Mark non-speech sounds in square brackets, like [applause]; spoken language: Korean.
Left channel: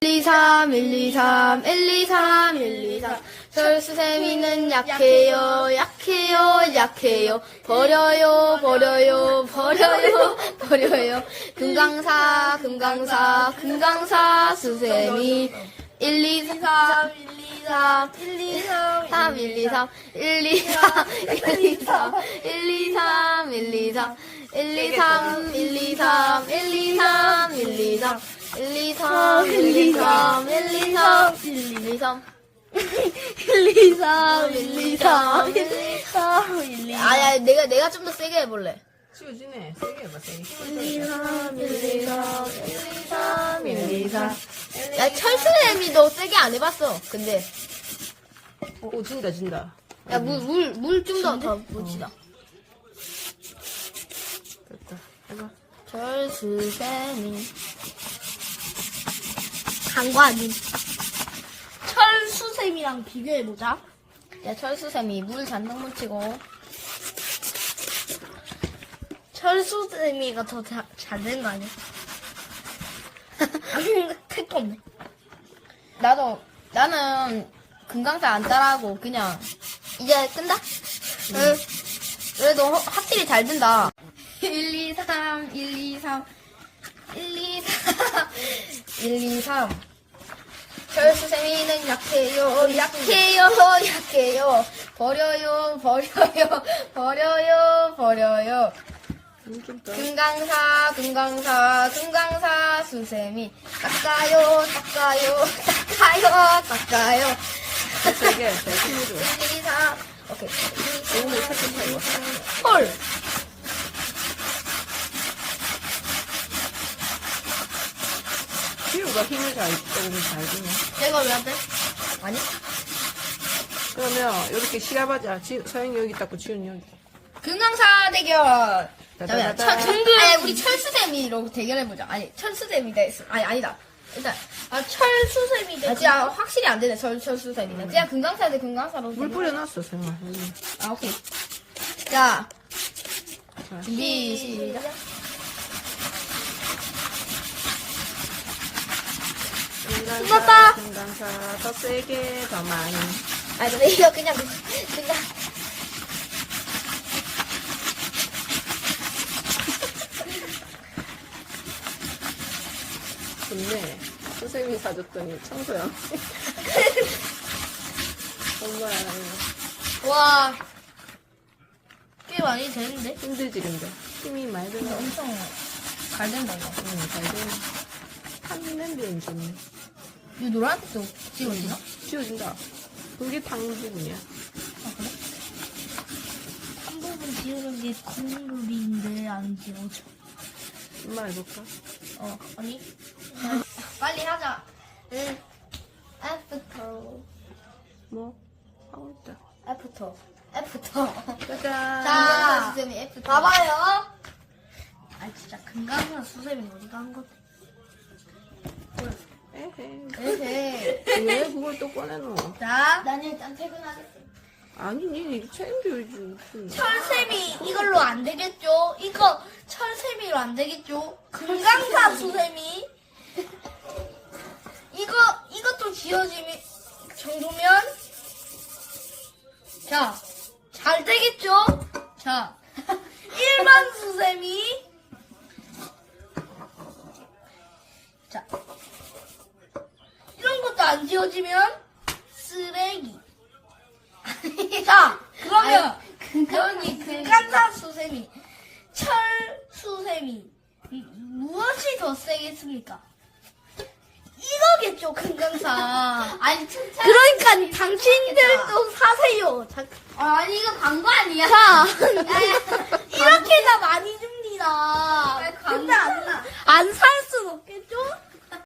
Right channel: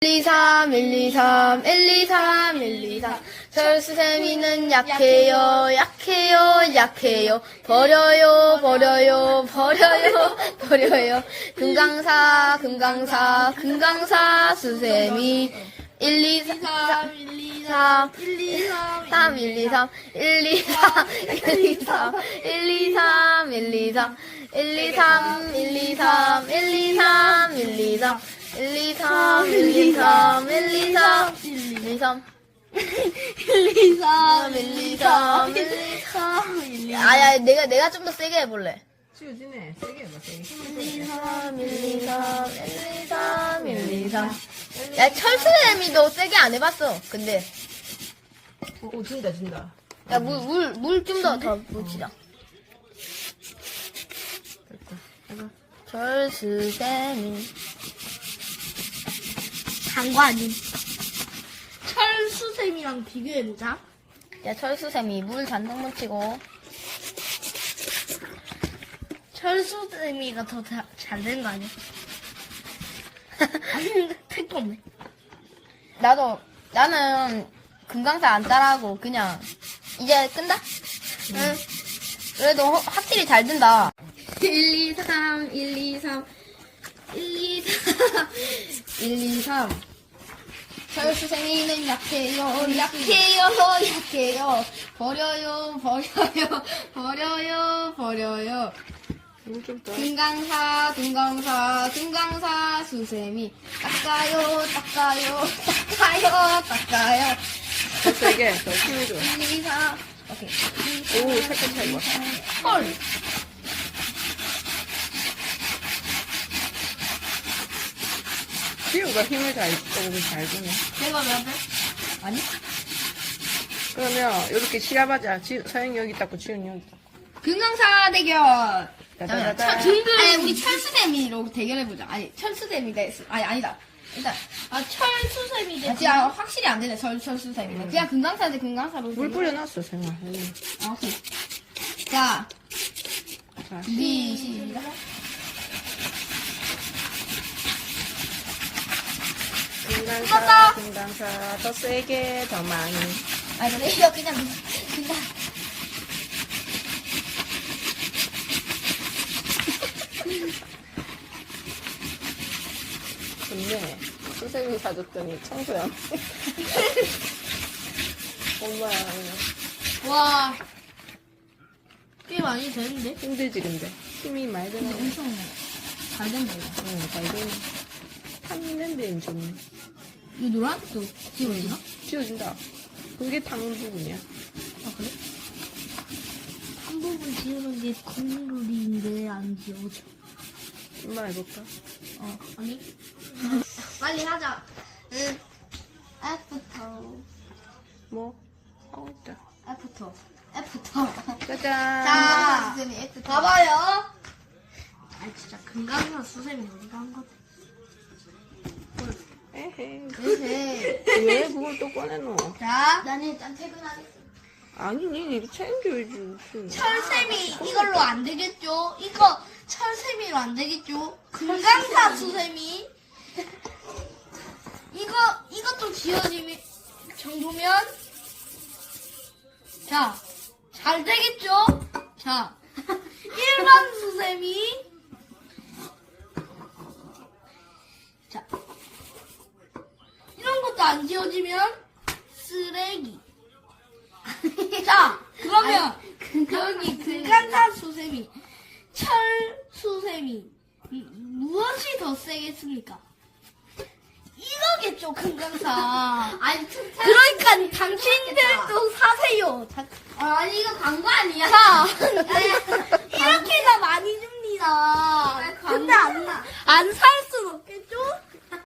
1, 2, 3, 1, 2, 3, 1, 2, 3, 1, 2, 3. 철수세미는 약해요, 약해요, 약해요. 버려요, 버려요, 버려요, 버려요. 금강사, 금강사, 금강사, 수세미. 1, 2, 3, 1, 2, 3, 1, 2, 3, 3, 1, 2, 3, 1, 2, 3, 1, 2, 3, 1, 2, 3, 1, 2, 3, 1, 2, 3, 1, 2, 3, 1, 2, 3, 1, 2, 3, 1, 2, 3, 1, 2, 3, 1, 2, 3, 1, 2, 3. 1, 2, 3, 1, 2, 3, 1, 2, 3, 1, 2, 3. 아야, 내가, 내가 좀 더 세게 해볼래. 치워지네. 세게 해봐, 세게. 1, 2, 3, 1, 2, 3, 1, 2, 3, 1, 2, 3. 야, 철수애미도 세게 안 해봤어. 근데. 어, 어, 진다, 진다. 야, 물, 물, 물 좀 더, 더 묻히자. 이거. 철수세미. 장관이. 철수샘이랑 비교해보자. 야, 철수세미, 물 잔뜩 묻히고. 철수샘이가 더 잘 된 거 아니야? 아니, 택도 없네. 나도, 나는 금강사 안 따라하고, 그냥, 이제 끈다? 응. 그래도 허- 확실히 잘 된다. 1, 2, 3, 1, 2, 3, 1, 2, 3, 1, 2, 3. 철수세미는 약해요, 약해요, 약해요. 버려요, 버려요, 버려요, 버려요. 금강사, 금강사, 금강사, 수세미. 닦아요, 닦아요, 닦아요, 닦아요. 더 세게, 더 힘을 줘. 1, 2, 3. 오케이. 오, 살짝 차이가. 헐. 치우가 힘을 잘, 조금 잘 주네. 내가 왜 안 돼? 아니? 그러면, 이렇게 시합하자. 치, 서영이 여기 닦고, 치우는 여기 닦고. 금강사 대결. 따다다다. 철, 아니, 우리 철수대미로 대결해보자. 아니, 철수대미 대, 아니, 아니다. 일단, 아, 돼. 아, 진짜 확실히 안 되네, 철, 철수대미는. 그냥 금강사 대 금강사로. 물 뿌려놨어, 서영아. 여기. 아, 오케이. 자, 자, 준비, 시작. 금강사, 금강사. 더 세게, 더 많이. 아니, 근데 이거 그냥, 그냥. 좋네. 선생님이 사줬더니 청소야. [laughs] 엄마야. 와, 꽤 많이 되는데? 힘들지, 근데. 힘이 많이 들어. 엄청 잘 된다, 이거. 응, 잘 되네. 한 냄새는 좋네. 이거 노란? 저, 지금 있나? 치워진다. 그게 당근이야. 한 부분 지우는 게 국물인데 안 지워져. 엄마 해볼까? 어, 아니? 빨리 하자. 응. 애프터. 뭐? 하고 있다. 애프터. 애프터. 짜잔. 자, 선생님, 애프터. 봐봐요. 아, 진짜 금강사 수샘이 어디가 한 거? 에 헤이. 이렇게. 왜 그걸 또 꺼내놓어? 자, 나는 일단 퇴근하겠습니다. 아니니, 이거 챙겨야지. 무슨. 철샘이 이걸로 안 되겠죠? 이거 철샘이로 안 되겠죠? 금강사 수샘이 이거 이것도 지어지면 정도면 자 잘 되겠죠? 자 [laughs] 일반 수세미 자 이런 것도 안 지어지면 쓰레기 [laughs] 자 그러면 여기 금강산 수세미, 철 수세미 음, 무엇이 더 세겠습니까? 이거겠죠 금강산. 아니, 진짜. 그러니까 당신들도 사세요. 자, 아니, 이거 광고 아니야. 자, [laughs] 이렇게 다 많이 줍니다. 근데 안, 안 살